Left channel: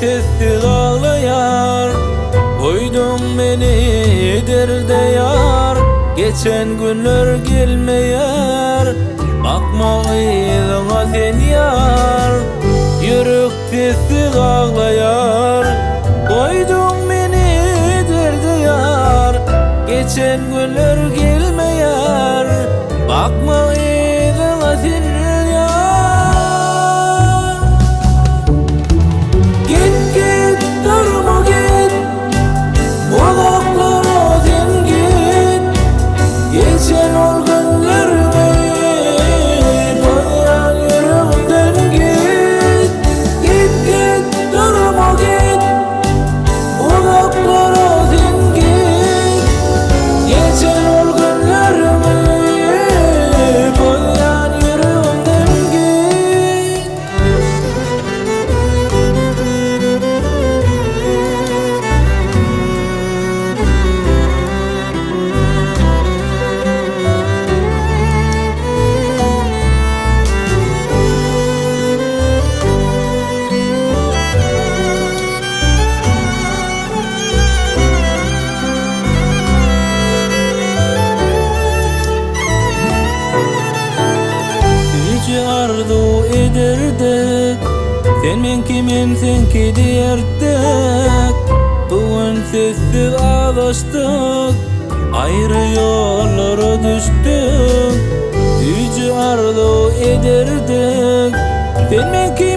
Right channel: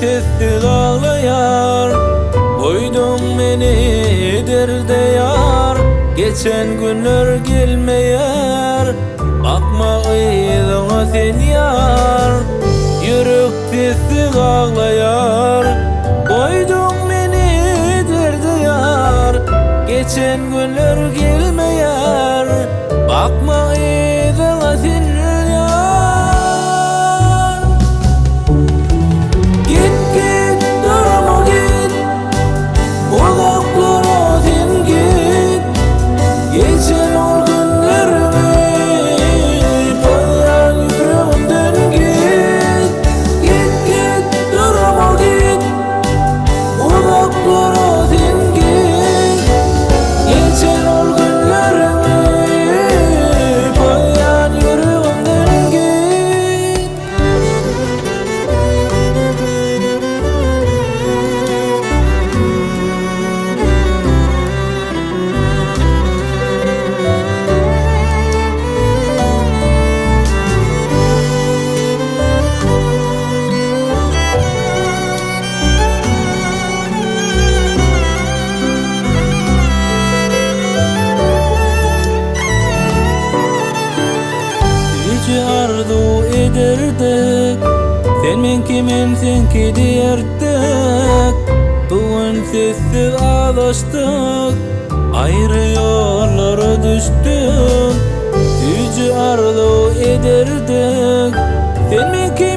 sessiz ağlayar. Koydun beni derde yar, geçen günler gelmeyer. Bakma iyiliğine sen yar, yürek sessiz ağlayar. Koydun beni derde yar, geçen günler gelmeyer. Bakma iyiliğine sen yar. Git git durma git, uzaklara sen git. Geçen o günlerimi koyan yüreğimden git. Git git durma git, uzaklara sen git. Geçen o günlerimi koyan yüreğimden git. Yüce arzu ederdik, senin kimin senki diyerdik. Bugün sessiz ağlaştık, ayrı yollara düştük. Yüce arzu ederdik, senin kimin